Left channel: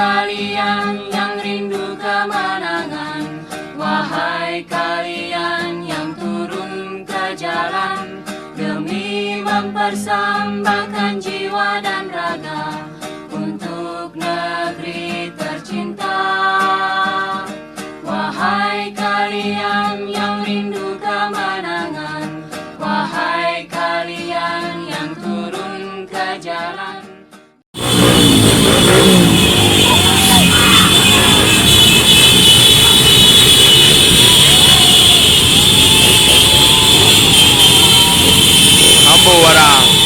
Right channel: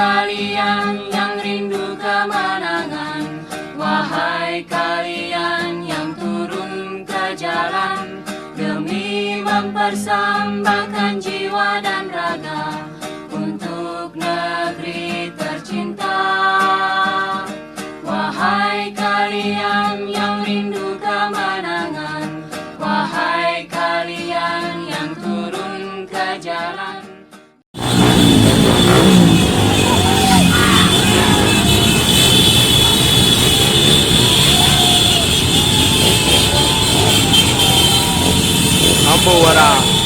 kalian yang rindu kemenangan, wahai kalian yang turun ke jalan demi mempersembahkan jiwa dan raga untuk negeri tercinta. Wahai kalian yang rindu kemenangan, wahai kalian yang turun ke jalan. Ambo warang